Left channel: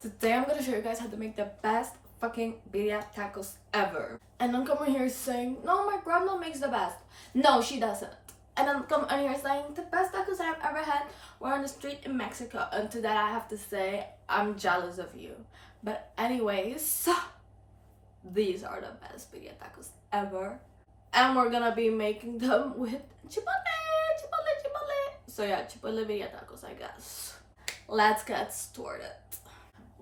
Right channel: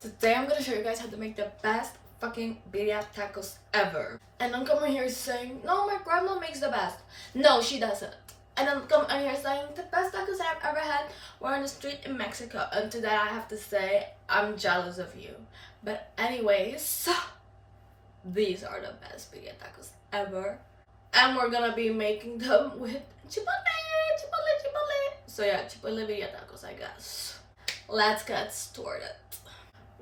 Today I'm gonna show you guys how to make the best fucking birria tacos ever. And don't come in here saying, no, my grandma makes the best. No, she doesn't. And don't come in here saying, the best tacos I've ever had were on the street in Mexico. And to that I have to say, I'm jealous of you. But anyways, these are the best birria tacos ever. And we're gonna be making them with chipotle. So yeah, chipotle birria tacos, I guess. Let's get started.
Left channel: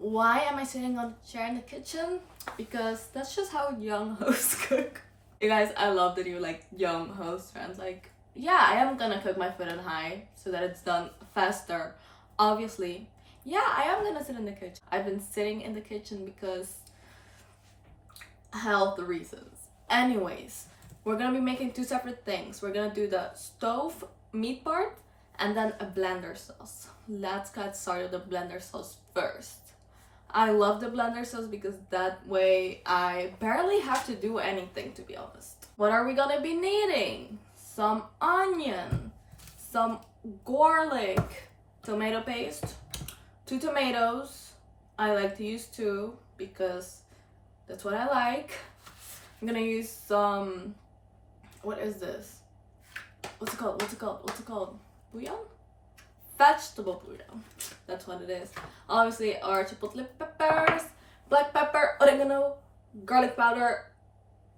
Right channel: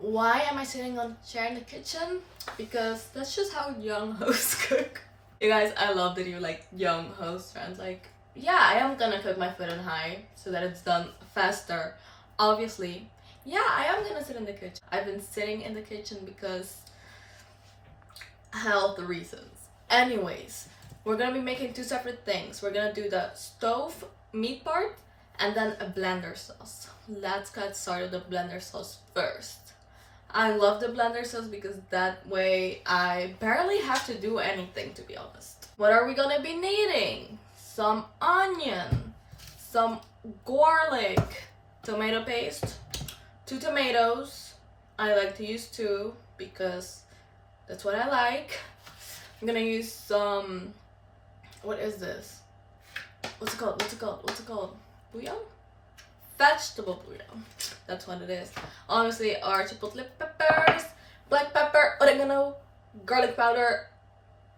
Why am I sitting on a chair in the kitchen? Because that's just how young hosts cook. You guys, I love that you're like young host friends. Like, yeah, I am gonna cook my food on high so that it's done faster. Obviously, yeah, I am gonna sit in the kitchen. I've been sitting in the kitchen because health reasons. Anyways, we're gonna be making two separate things. We're gonna do the stove meat part and then a blender sauce. Let's get started with the blender sauce first. I love the blender sauce because that way I barely have to do anything, to be honest. What are we gonna be needing? Some onion, some garlic, tomato paste, 2 tomatoes. I like to use 2 because that's what I like. I'm gonna use some, what is this? What's it called? Bouillon? Vegetable bouillon. That's what it is. Obviously, our chipotle peppers, black pepper, oregano, garlic powder,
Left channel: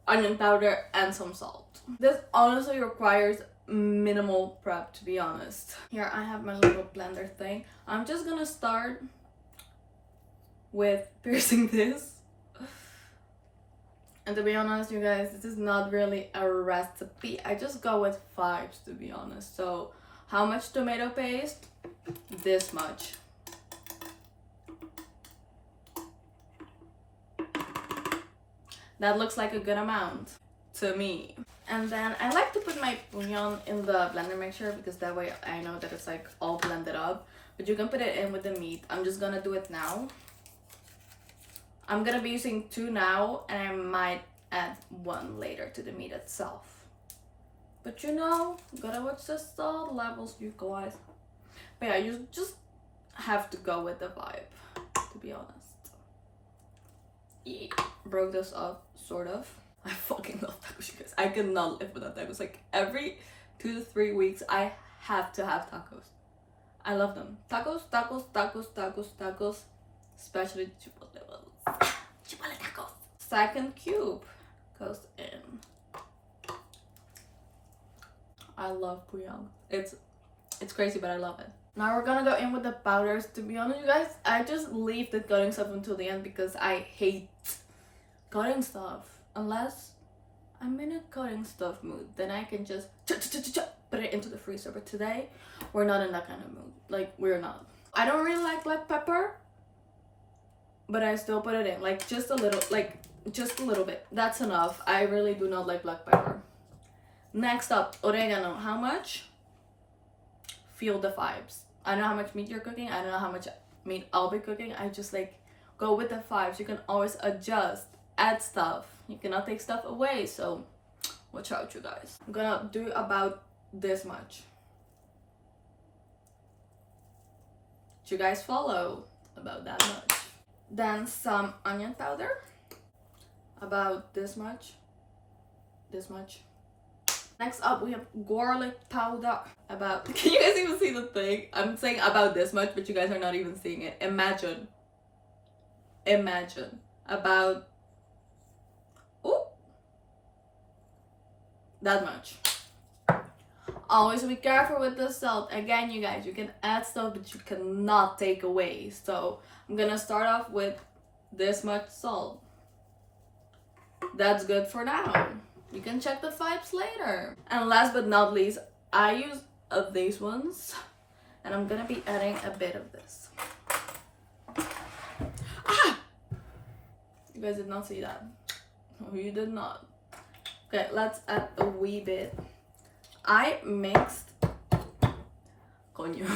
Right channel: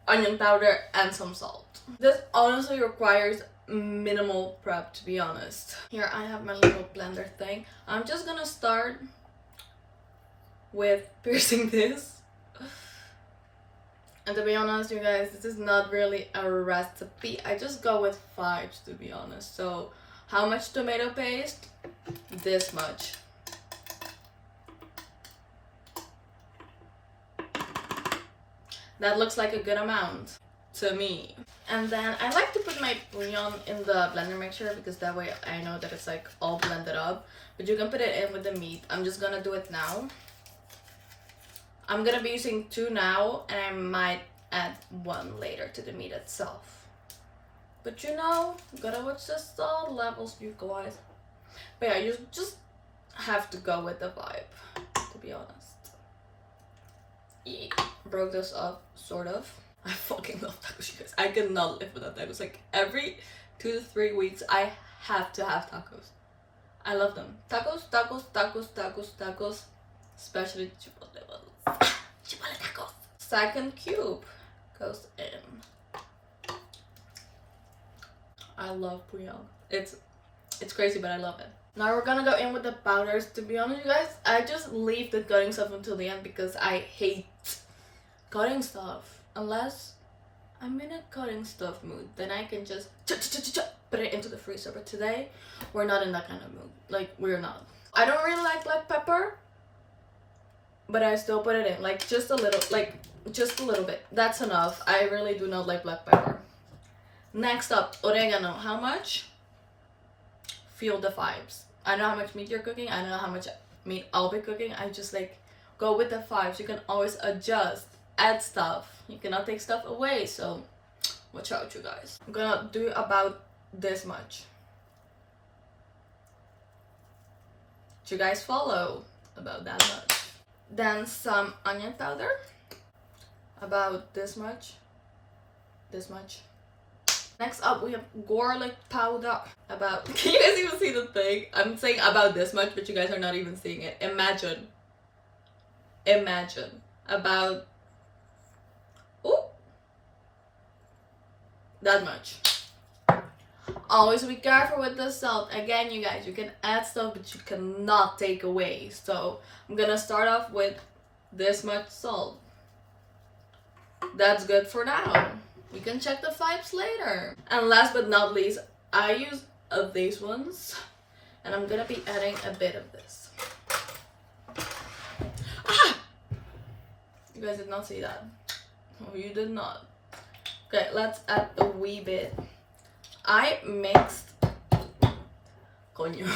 onion powder, and some salt. This honestly requires minimal prep, to be honest. Here I have my little blender thing. I'm just gonna start with piercing this. And to be honest, you guys, this is not really a recipe. I just go with 5s, to be honest. So how much tomato paste? This much. That looks like a good amount to me. And then I like to put my bouillon in the blender mixer because that way I know that it's like all blended up. But you can put it in with the meat. I'm just gonna do it now. I'm gonna be using 2 now and I might add 1 later to the meat itself. But you know, gotta watch the salt levels, you guys. But yeah, you just have to go with the vibe, to be honest. Yeah. Broke this up, sort of. I fucking love tacos, you guys. I cannot live without tacos. Like every 2 to 3 weeks, I have to have tacos. I love them. Tacos. Especially chipotle ones. Chipotle tacos. Second cube goes in. I love bouillon. It's crazy, but I love it. Now we're gonna go in with the powders. To be honest, you guys, I just leave the cutting stuff until the end because I hate cutting stuff. Unless I'm in a cutting stuff mood, then I can just put it into the freezer. But today, we're not in that kind of mood. Like, we're not. I don't really like black pepper, but I still put it in. Like, just a little bit. That's enough. I really do not like black pepper. Next up, oregano. How much? Feel the vibes. I know how much meat you're cooking. I know how much meat I'll be cooking. I just like go with the vibes. You can always adjust, add stuff. You cannot take stuff away. So watch out, you guys. I'm gonna do about this much. Do you guys follow? About that much. Then some onion powder. About this much. This much. Next up, we have garlic powder. About, can you guys even see the thing? I'm saying about this much, but you guys are not even seeing it. Imagine. About, oh, that much. Always be careful with the salt. Again, you guys, you can add stuff, but you cannot take away. So I'm gonna start off with this much salt. That's good for now. We can check the vibes later. And last but not least, I use these ones. And I'm gonna be adding a bit of this. Ah! You guys did not see that. No, you did not. Okay, let's add a wee bit. I mixed... Coño.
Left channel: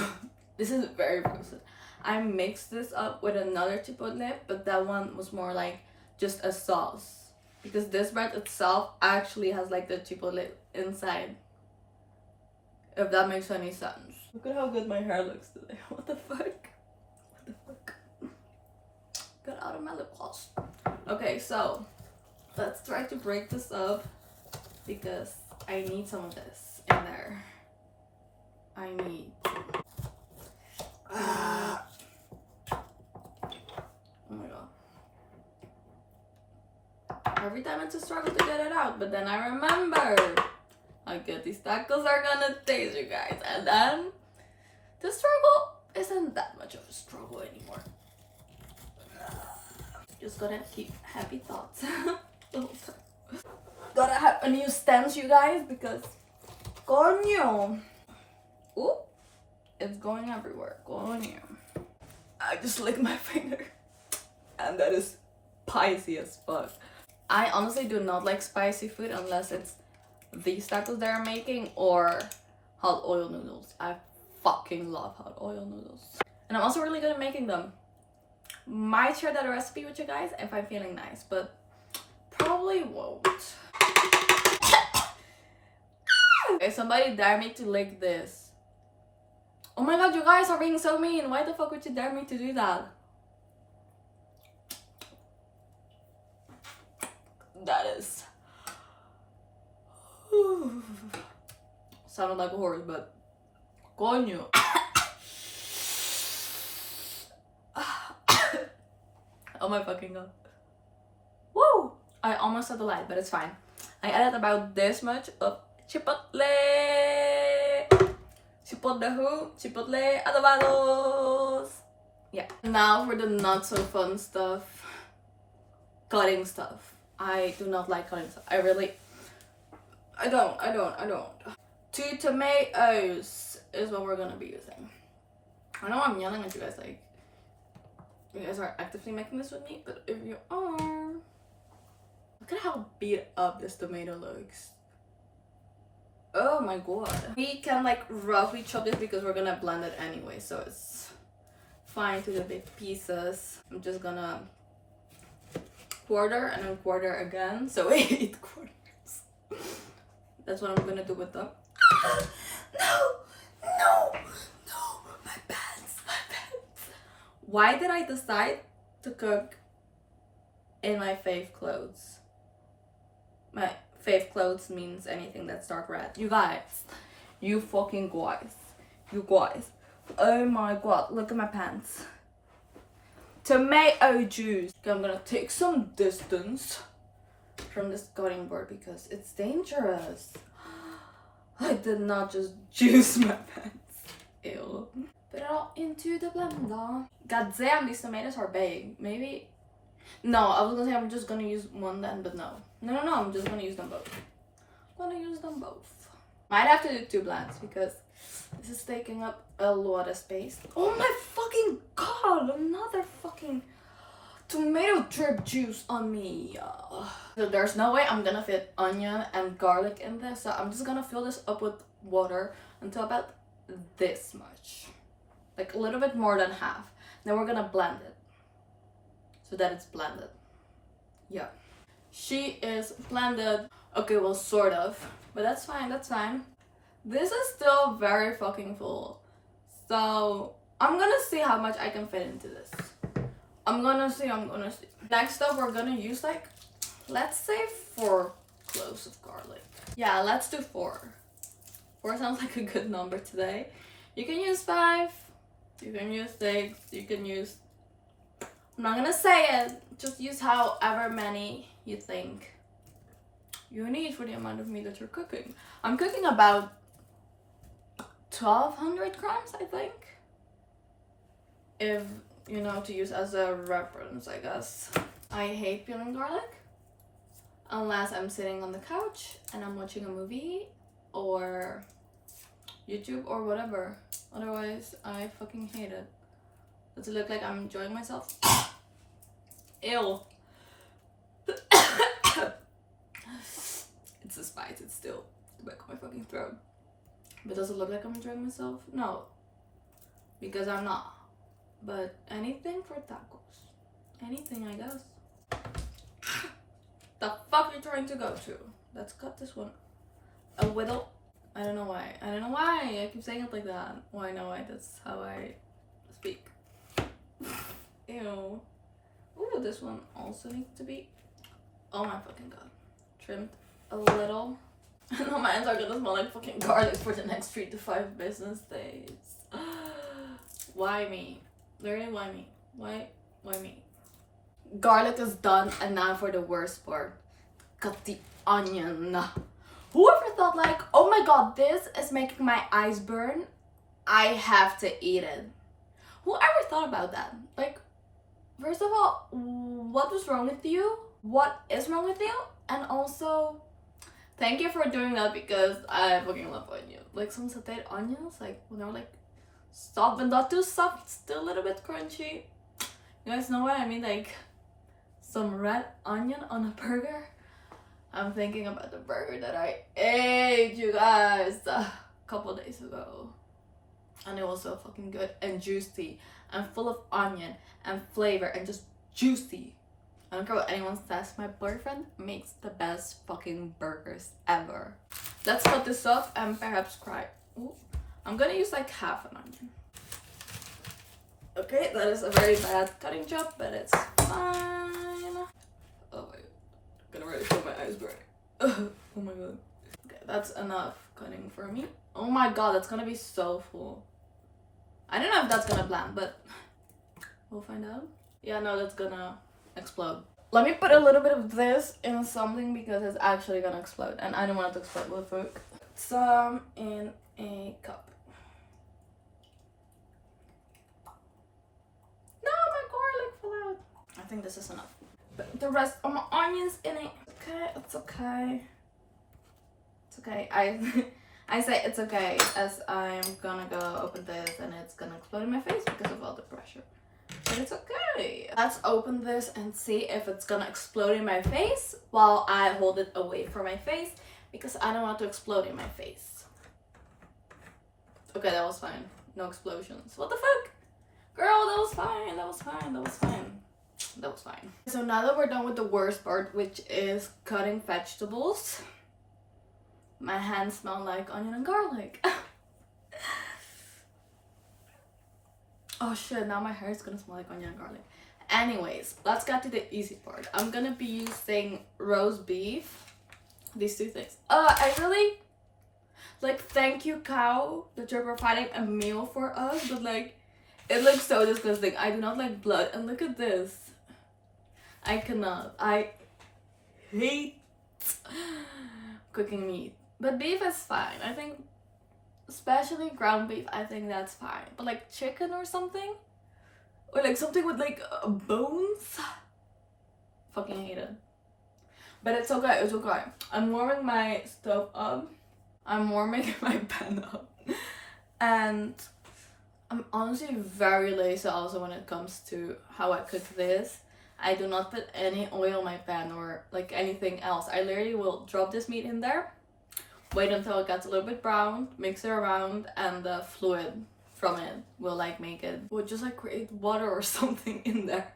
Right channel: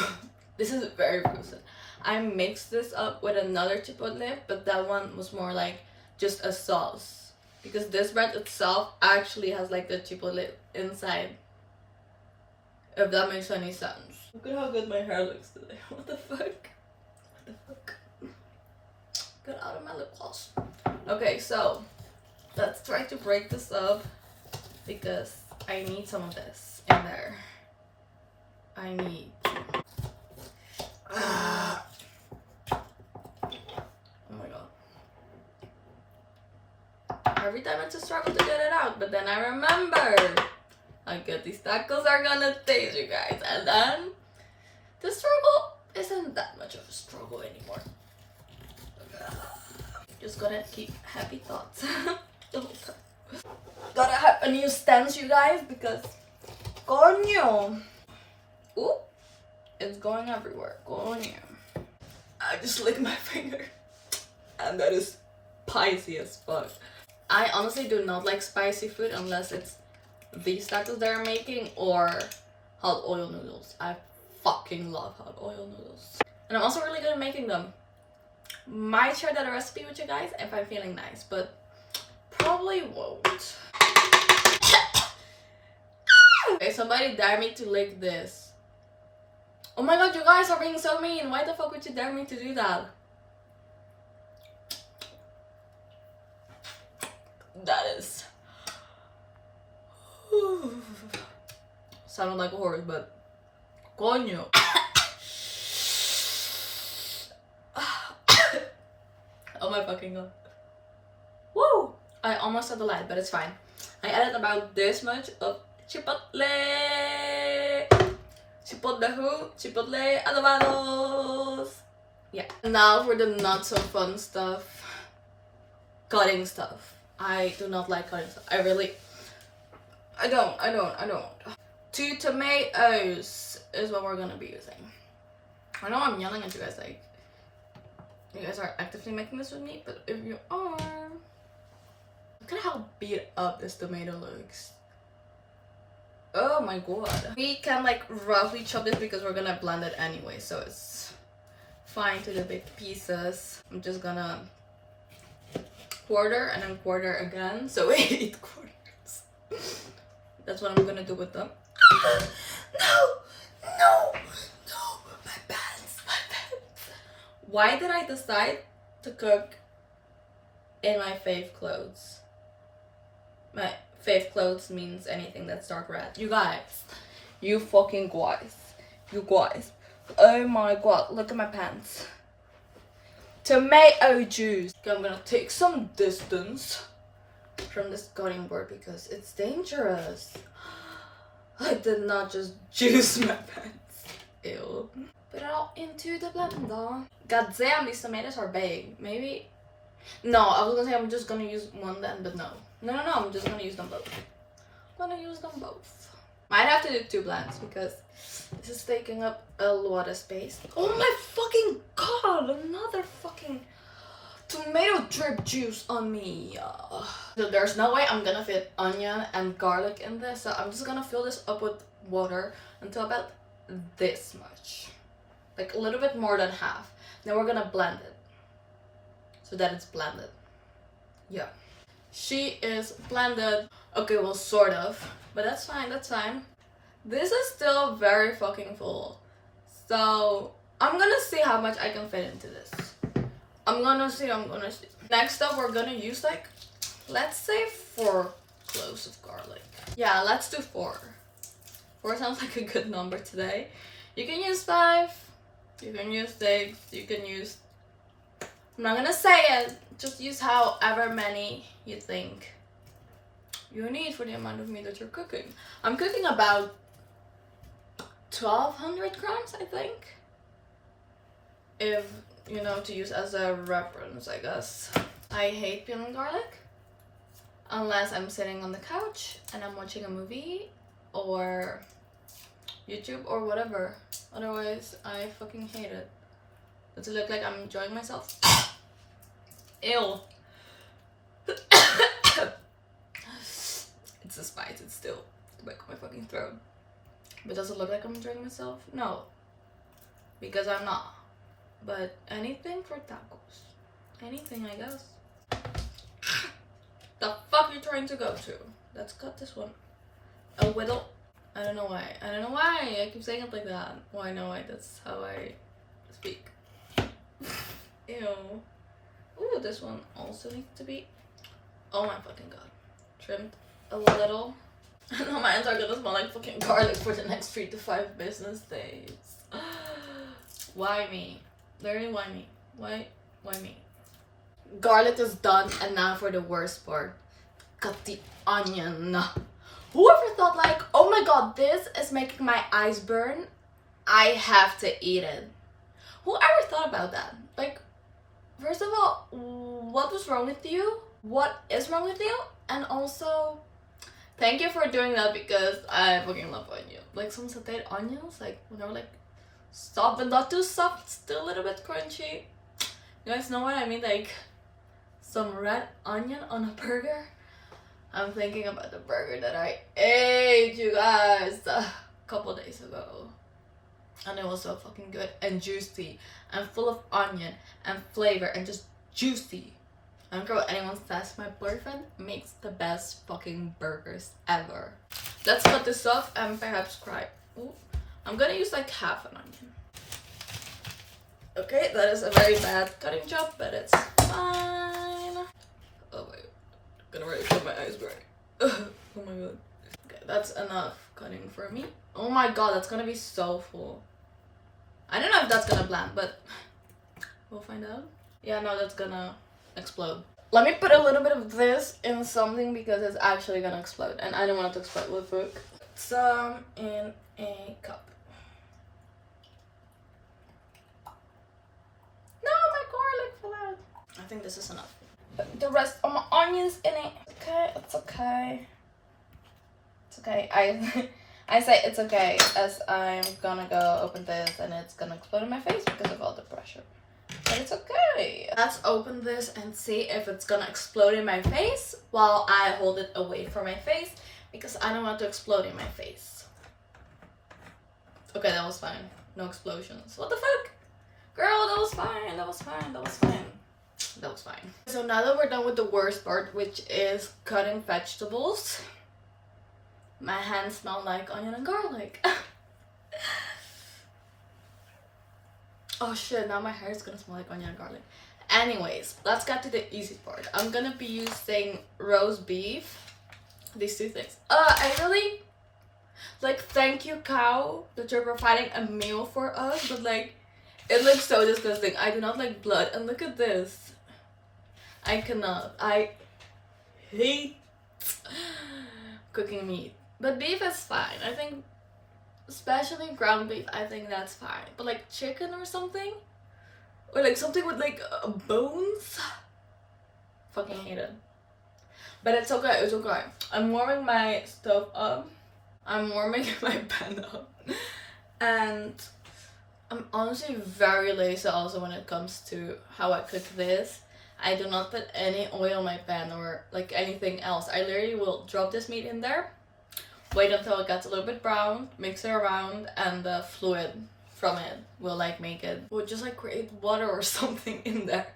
This is very gruesome. I mixed this up with another chipotle, but that one was more like just a sauce. Because this bread itself actually has like the chipotle inside. If that makes any sense. Look at how good my hair looks today. What the fuck? Get out of my lip gloss. Okay, so let's try to break this up because I need some of this in there. I need to. Oh my god. Every time it's a struggle to get it out, but then I remember I get these tacos are gonna taste, you guys, and then the struggle isn't that much of a struggle anymore. Just gotta keep happy thoughts the whole time. Gotta have a new stance, you guys, because coño. Ooh, it's going everywhere. Coño. I just licked my finger, and that is spicy as fuck. I honestly do not like spicy food unless it's these tacos they're making or hot oil noodles. I fucking love hot oil noodles. And I'm also really good at making them. Might share that recipe with you guys if I'm feeling nice, but probably won't. Okay, somebody dare me to lick this. Oh my god, you guys are being so mean. Why the fuck would you dare me to do that? That is... sounded like a horse, but... Coño. Oh my fucking god. Woo! I almost said the light, but it's fine. I added about this much of chipotle. Chipotle who? Chipotle adobados. Yeah. Now for the not so fun stuff. Cutting stuff. I do not like cutting stuff. I don't. 2 tomatoes is what we're gonna be using. I know I'm yelling at you guys like you guys are actively making this with me, but if you are, look at how beat up this tomato looks. Oh my god. We can like roughly chop this because we're gonna blend it anyway, so it's fine to the big pieces. I'm just gonna quarter and then quarter again, so 8 quarters. That's what I'm gonna do with them. No, my pants. Why did I decide to cook in my fave clothes? My fave clothes means anything that's dark red. You guys, you fucking guys, oh my god, look at my pants. Tomato juice. Okay, I'm gonna take some distance from this cutting board because it's dangerous. I did not just juice my pants. Ew. Put it all into the blender. God damn, these tomatoes are big. Maybe. No, I was gonna say I'm just gonna use one then, but no. No, I'm just gonna use them both. Might have to do 2 blends because this is taking up a lot of space. Oh my fucking god, another fucking tomato drip juice on me. So there's no way I'm gonna fit onion and garlic in this, so I'm just gonna fill this up with water until about this much, like a little bit more than half. Then we're gonna blend it so that it's blended. Yeah, she is blended. Okay, well, sort of, but that's fine. This is still very fucking full, so I'm gonna see how much I can fit into this. I'm gonna see. Next up, we're gonna use like, let's say 4 cloves of garlic. Yeah, let's do 4. 4 sounds like a good number today. You can use 5, you can use 6, you can use... I'm not gonna say it. Just use however many you think you need for the amount of meat that you're cooking. I'm cooking about 1,200 grams, I think. If you know, to use as a reference, I guess. I hate peeling garlic unless I'm sitting on the couch and I'm watching a movie or YouTube or whatever. Otherwise, I fucking hate it. Does it look like I'm enjoying myself? Ew. It's the spice, it's still the back of my fucking throat. But does it look like I'm enjoying myself? No. Because I'm not. But anything for tacos. Anything, I guess. The fuck are you trying to go to? Let's cut this one a little. I don't know why. I keep saying it like that. Why? No, why? That's how I speak. Ew. Ooh, this one also needs to be, oh my fucking god, trimmed a little. No, my hands are gonna smell like fucking garlic for the next 3 to 5 business days. Why me? Very why me? Why me? Garlic is done, and now for the worst part. Cut the onion. Whoever thought like, oh my god, this is making my eyes burn, I have to eat it. Whoever thought about that? Like, first of all, what was wrong with you? What is wrong with you? And also, thank you for doing that because I fucking love onions. Like some sauteed onions, like when they're like soft but not too soft, still a little bit crunchy. You guys know what I mean? Like some red onion on a burger. I'm thinking about the burger that I ate, you guys, a couple days ago. And it was so fucking good and juicy and full of onion and flavor and just juicy. I don't care what anyone says, my boyfriend makes the best fucking burgers ever. Let's cut this off and perhaps cry. Ooh, I'm gonna use like half an onion. Okay, that is a very bad cutting job, but it's fine. Oh my god, I'm gonna really feel my eyes burning. Oh my god. Okay, that's enough cutting for me. Oh my god, that's gonna be so full. I don't know if that's gonna blend, but we'll find out. Yeah, no, that's gonna explode. Let me put a little bit of this in something because it's actually gonna explode, and I don't want it to explode with food. Some in a cup. No, my garlic fell out. I think this is enough. Put the rest of my onions in it. Okay, it's okay. It's okay. I say it's okay as I'm gonna go open this and it's gonna explode in my face because of all the pressure. But it's okay. Let's open this and see if it's gonna explode in my face while I hold it away from my face because I don't want to explode in my face. Okay, that was fine. No explosions. What the fuck? Girl, that was fine. That was fine. That was fine. That was fine. So now that we're done with the worst part, which is cutting vegetables, my hands smell like onion and garlic. Oh shit, now my hair is gonna smell like onion and garlic. Anyways, let's get to the easy part. I'm gonna be using roast beef. These two things. I really, like, thank you, cow, that you're providing a meal for us, but like, it looks so disgusting. I do not like blood, and look at this. I cannot. I hate cooking meat. But beef is fine. I think, especially ground beef, I think that's fine. But like chicken or something? Or like something with like bones? Fucking hate it. But it's okay, it's okay. I'm warming my stove up. I'm warming my pan up. And I'm honestly very lazy also when it comes to how I cook this. I do not put any oil in my pan or like anything else. I literally will drop this meat in there, wait until it gets a little bit brown, mix it around, and the fluid from it will like make it, will just like create water or something in there.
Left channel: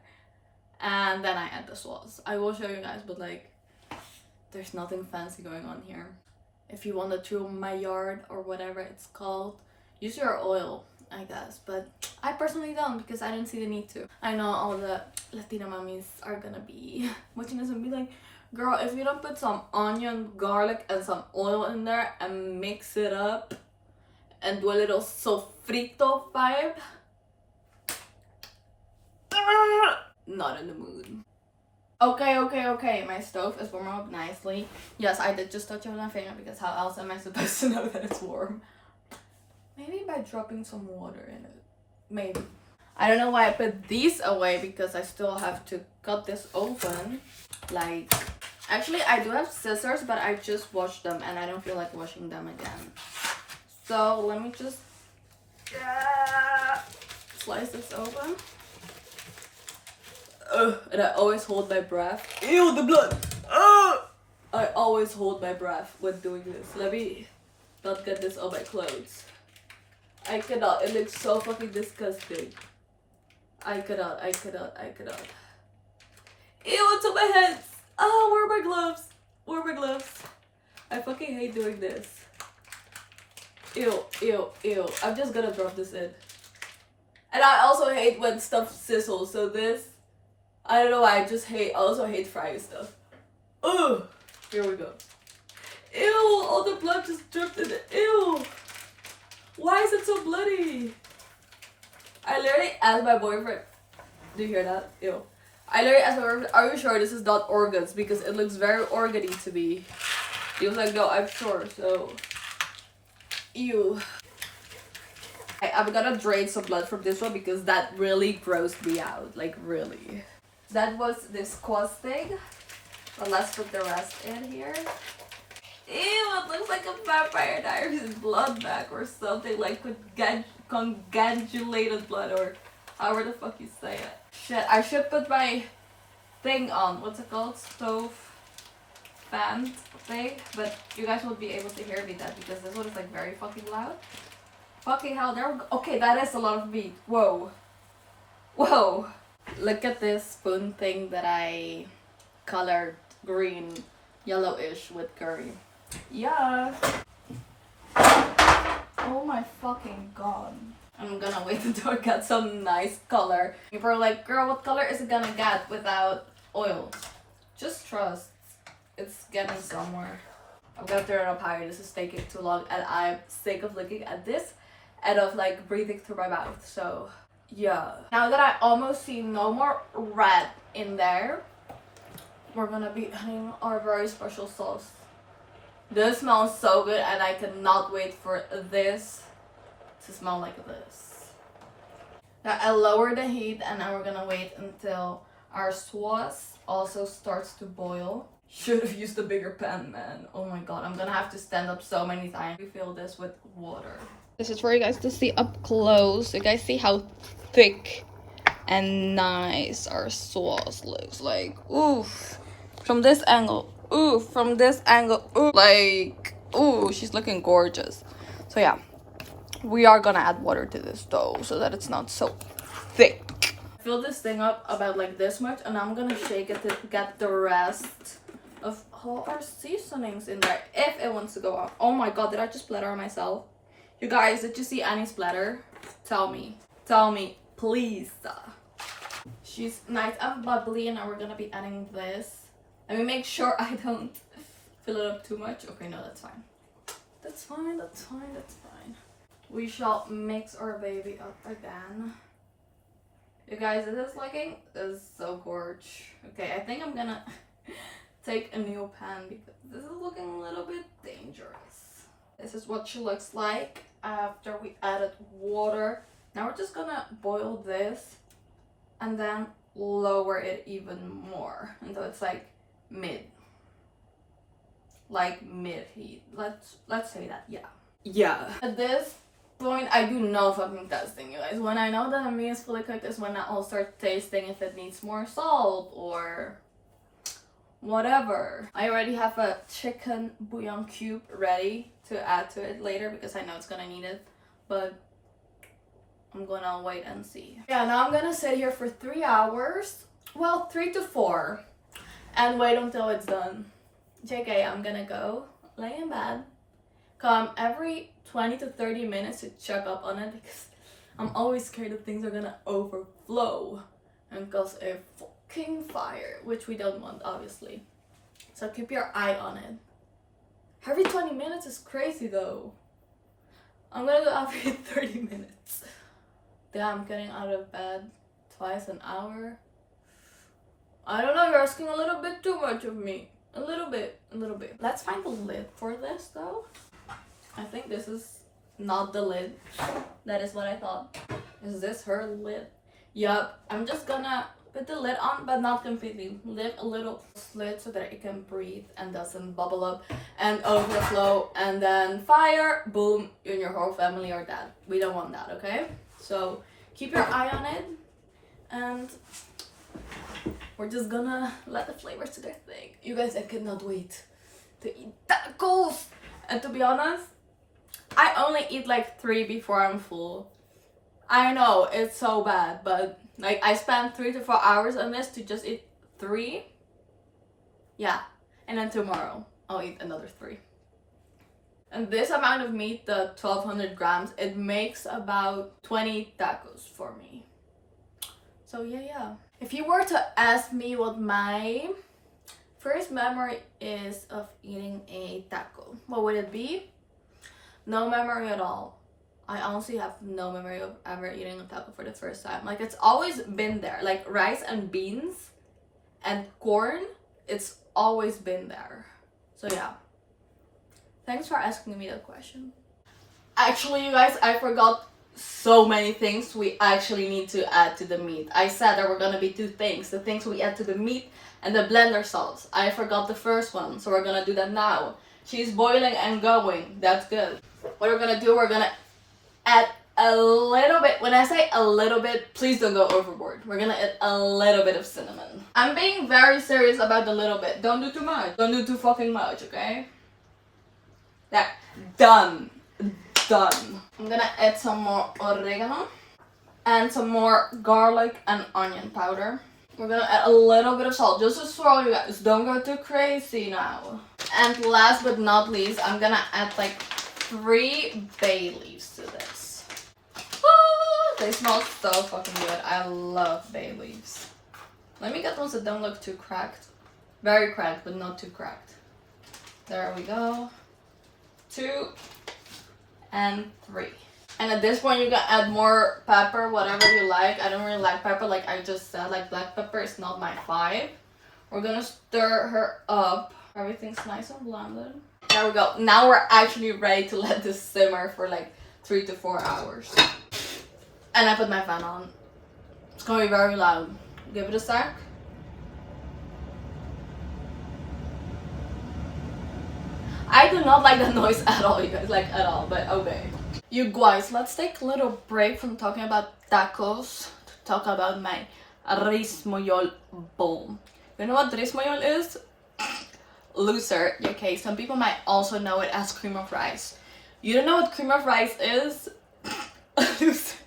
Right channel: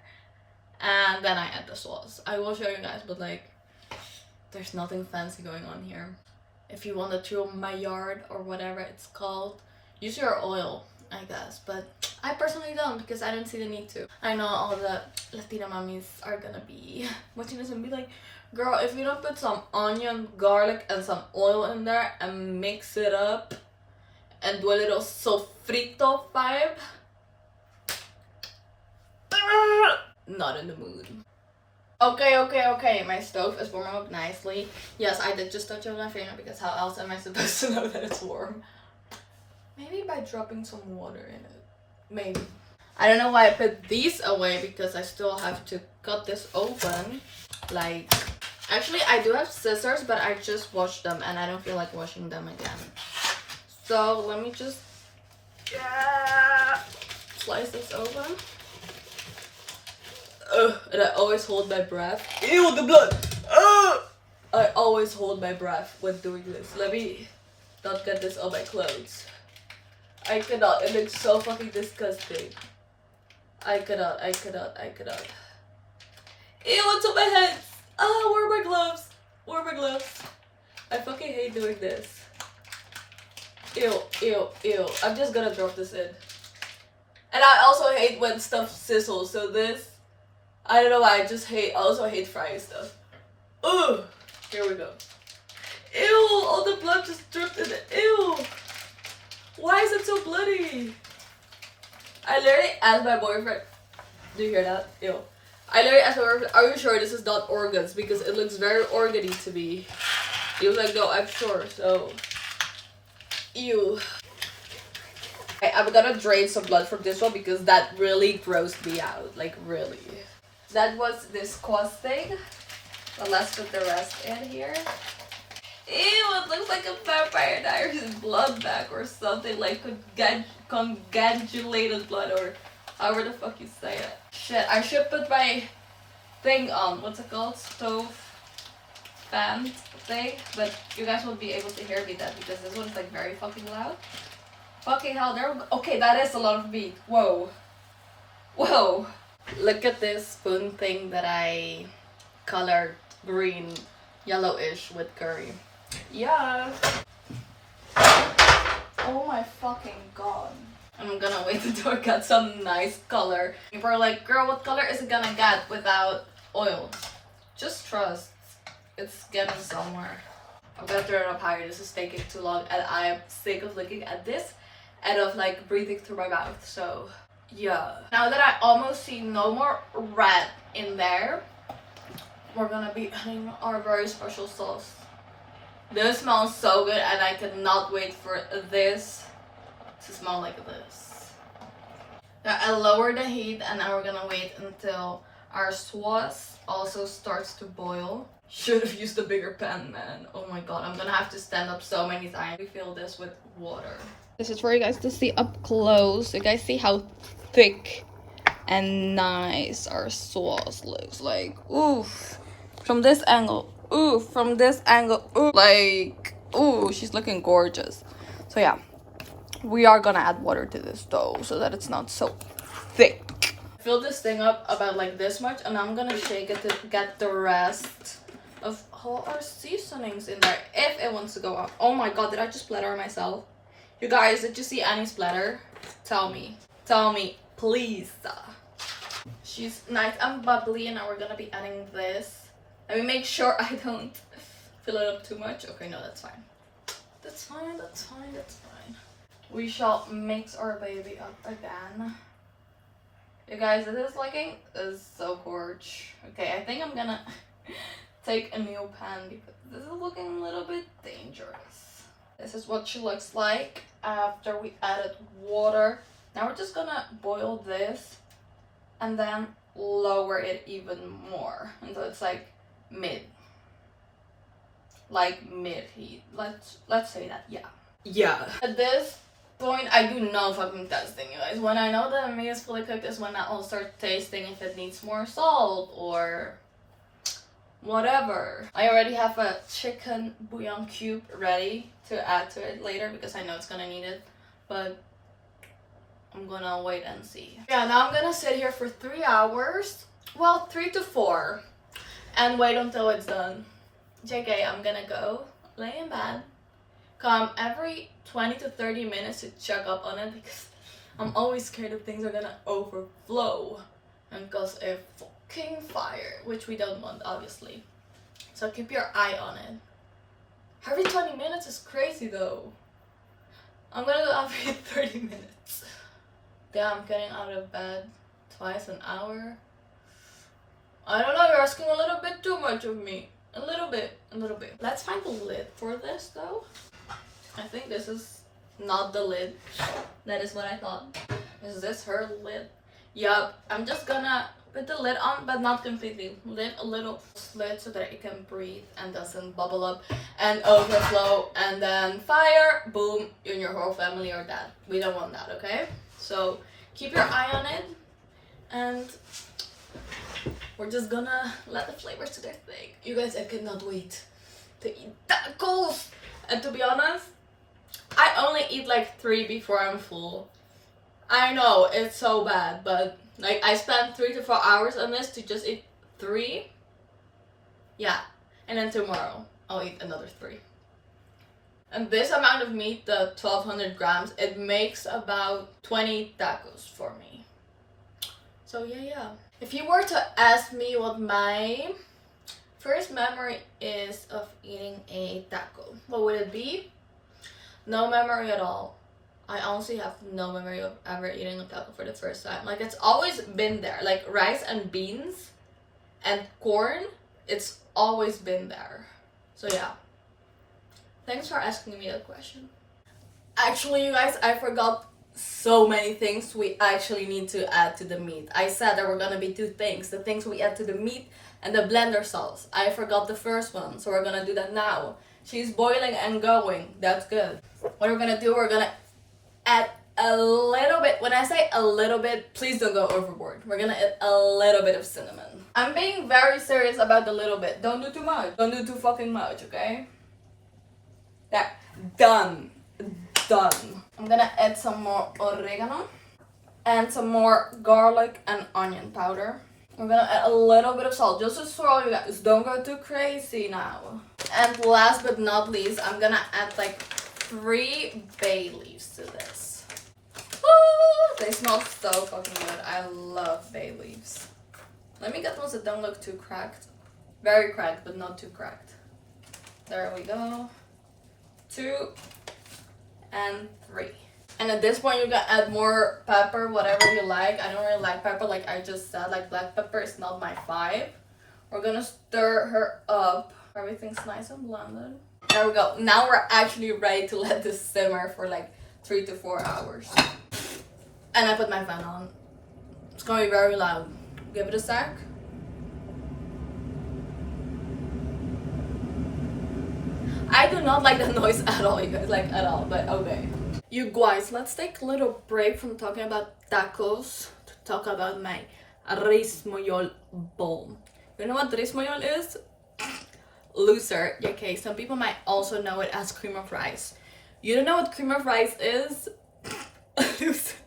And then I add the sauce. I will show you guys, but like there's nothing fancy going on here. If you want to throw Maillard or whatever it's called, use your oil, I guess, but I personally don't because I didn't see the need to. I know all the Latina mommies are gonna be watching this and be like, girl, if you don't put some onion, garlic, and some oil in there and mix it up and do a little sofrito vibe, not in the mood. Okay, my stove is warming up nicely. Yes, I did just touch it with my finger because how else am I supposed to know that it's warm? Maybe by dropping some water in it. Maybe. I don't know why I put these away because I still have to cut this open. Like, actually I do have scissors, but I just washed them and I don't feel like washing them again. So let me just slice this open. And I always hold my breath. Ew, the blood! I always hold my breath when doing this. Let me not get this on my clothes. I cannot. It looks so fucking disgusting. I cannot. Ew, it's on my hands! Oh, where are my gloves? Where are my gloves? I fucking hate doing this. Ew. I'm just gonna drop this in. And I also hate when stuff sizzles, so this, I don't know why, I just also hate frying stuff. Ugh! Here we go. Ew! All the blood just dripped in it. Ew! Why is it so bloody? I literally asked my boyfriend. Do you hear that? Ew. I literally asked my boyfriend, are you sure this is not organs? Because it looks very organy to me. He was like, no, I'm sure. So, ew. I'm gonna drain some blood from this one because that really grossed me out. Like, really. That was disgusting. But let's put the rest in here. Ew, it looks like a Vampire Diaries blood bag or something. Like congratulated blood or however the fuck you say it. Shit, I should put my thing on. What's it called? Stove fan thing. But you guys won't be able to hear me then because this one is like very fucking loud. Fucking hell, there we go. Okay, that is a lot of meat. Whoa. Whoa. Look at this spoon thing that I colored green, yellowish with curry. Yeah. Oh my fucking god. I'm gonna wait until I get some nice color. People are like, girl, what color is it gonna get without oil? Just trust. It's getting somewhere. I'm gonna turn it up higher. This is taking too long and I'm sick of looking at this and of like breathing through my mouth. So yeah. Now that I almost see no more red in there, we're gonna be adding our very special sauce. This smells so good and I cannot wait for this to smell like this. Now I lower the heat and then we're gonna wait until our sauce also starts to boil. Should have used a bigger pan, man. Oh my god, I'm gonna have to stand up so many times. Refill this with water. This is for you guys to see up close. You guys see how thick and nice our sauce looks like. Oof. From this angle. Ooh, from this angle. Ooh, like, ooh, she's looking gorgeous. So yeah, we are gonna add water to this dough so that it's not so thick. Fill this thing up about like this much and I'm gonna shake it to get the rest of all our seasonings in there if it wants to go up. Oh my god, did I just splatter myself? You guys, did you see any splatter? Tell me, please. She's nice and bubbly and now we're gonna be adding this. Let me make sure I don't fill it up too much. Okay, no, that's fine. That's fine, that's fine, that's fine. We shall mix our baby up again. You guys, this looking is so gorgeous. Okay, I think I'm gonna take a new pan because this is looking a little bit dangerous. This is what she looks like after we added water. Now we're just gonna boil this and then lower it even more until it's like mid heat. Let's say that. Yeah, at this point I do no fucking testing, you guys. When I know that the meat is fully cooked is when I'll start tasting if it needs more salt or whatever. I already have a chicken bouillon cube ready to add to it later because I know it's gonna need it, but I'm gonna wait and see. Yeah, now I'm gonna sit here for 3 hours, well 3 to 4, and wait until it's done. JK, I'm gonna go lay in bed, come every 20 to 30 minutes to check up on it because I'm always scared that things are gonna overflow and cause a fucking fire, which we don't want, obviously. So keep your eye on it. Every 20 minutes is crazy though. I'm gonna go every 30 minutes. Damn, I'm getting out of bed twice an hour. I don't know, you're asking a little bit too much of me. A little bit. Let's find the lid for this though. I think this is not the lid. That is what I thought. Is this her lid? Yup, I'm just gonna put the lid on, but not completely. Leave a little slit so that it can breathe and doesn't bubble up and overflow. And then fire, boom, you and your whole family are dead. We don't want that, okay? So keep your eye on it. And we're just gonna let the flavors do their thing. You guys, I cannot wait to eat tacos. And to be honest, I only eat like 3 before I'm full. I know, it's so bad, but like I spent 3 to 4 hours on this to just eat 3. Yeah, and then tomorrow I'll eat another 3. And this amount of meat, the 1200 grams, it makes about 20 tacos for me. So yeah. If you were to ask me what my first memory is of eating a taco, what would it be? No memory at all. I honestly have no memory of ever eating a taco for the first time. Like, it's always been there. Like, rice and beans and corn, it's always been there. So yeah. Thanks for asking me that question. Actually, you guys, I forgot so many things we actually need to add to the meat. I said there were gonna be 2 things. The things we add to the meat and the blender sauce. I forgot the first one, so we're gonna do that now. She's boiling and going. That's good. What we're gonna do, we're gonna add a little bit. When I say a little bit, please don't go overboard. We're gonna add a little bit of cinnamon. I'm being very serious about the little bit. Don't do too much. Don't do too fucking much, okay? That. Done. I'm gonna add some more oregano and some more garlic and onion powder. We're gonna add a little bit of salt, just to throw you guys. Don't go too crazy now. And last but not least, I'm gonna add like 3 bay leaves to this. Woo! They smell so fucking good. I love bay leaves. Let me get ones that don't look too cracked. Very cracked, but not too cracked. There we go. 2 and 3. And at this point you can add more pepper, whatever you like. I don't really like pepper, like I just said, like black pepper is not my vibe. We're gonna stir her up. Everything's nice and blended. There we go. Now we're actually ready to let this simmer for like 3 to 4 hours. And I put my fan on. It's gonna be very loud. Give it a sec. I do not like the noise at all, you guys, like at all, but okay. You guys, let's take a little break from talking about tacos to talk about my rismoyol bowl. You know what rismoyol is? Loser. Okay, some people might also know it as cream of rice. You don't know what cream of rice is? Loser.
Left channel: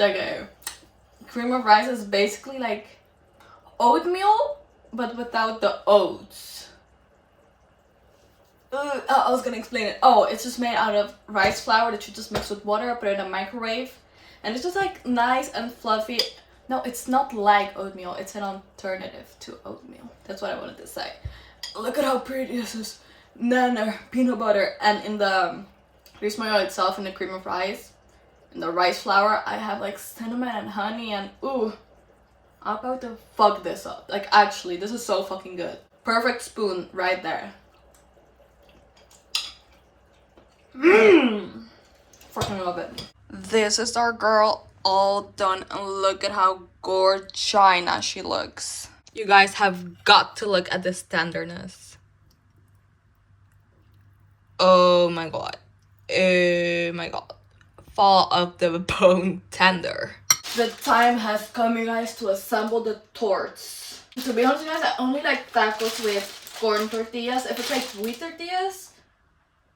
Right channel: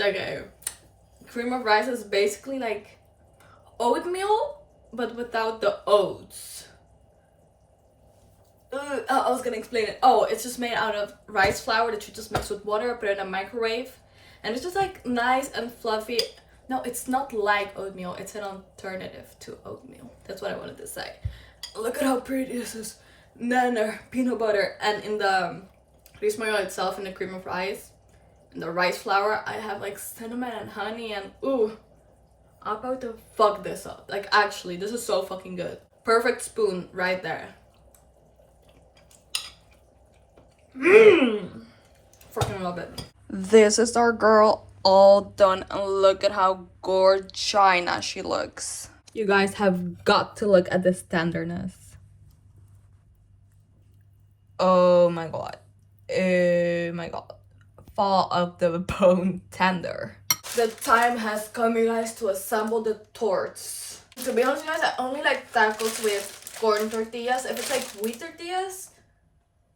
Okay. Cream of rice is basically like oatmeal, but without the oats. I was gonna explain it. Oh, it's just made out of rice flour that you just mix with water, put it in a microwave, and it's just like nice and fluffy. No, it's not like oatmeal, it's an alternative to oatmeal. That's what I wanted to say. Look at how pretty this is. Nana, peanut butter, and in the rismoyo itself, in the cream of rice, in the rice flour, I have like cinnamon and honey, and ooh, I'm about to fuck this up. Like, actually, this is so fucking good. Perfect spoon right there. Fucking love it. This is our girl all done, and look at how gorgeous she looks. You guys have got to look at this tenderness. Oh my god. Oh my god. Fall of the bone tender. The time has come, you guys, to assemble the torts. To be honest, you guys, I only like tacos with corn tortillas. If it's like wheat tortillas,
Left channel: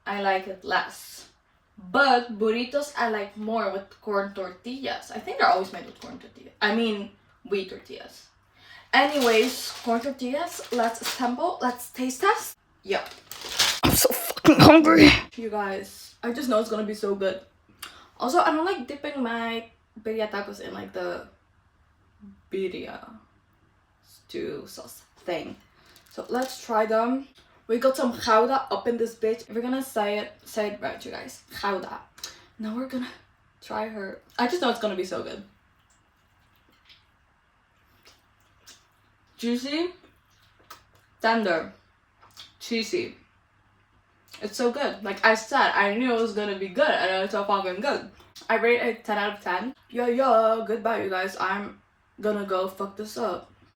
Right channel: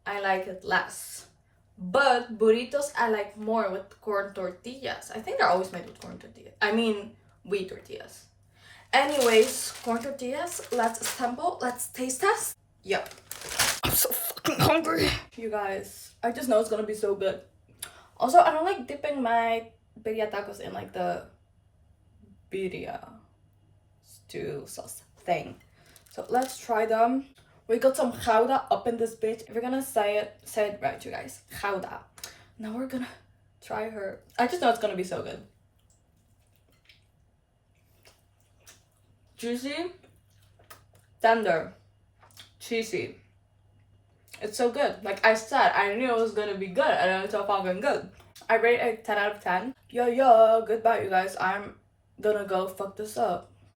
I like it less. But burritos I like more with corn tortillas. I think they're always made with corn tortillas. I mean, wheat tortillas. Anyways, corn tortillas, let's assemble, let's taste test. Yeah. I'm so fucking hungry. You guys, I just know it's gonna be so good. Also, I don't like dipping my birria tacos in like the birria stew sauce thing. So let's try them. We got some gouda up in this bitch. If we're gonna say it right, you guys. Gouda. Now we're gonna try her. I just know it's gonna be so good. Juicy, tender, cheesy. It's so good. Like I said, I knew it was gonna be good, and it's so fucking good. I rate it 10 out of 10. Yo, goodbye, you guys. I'm gonna go fuck this up.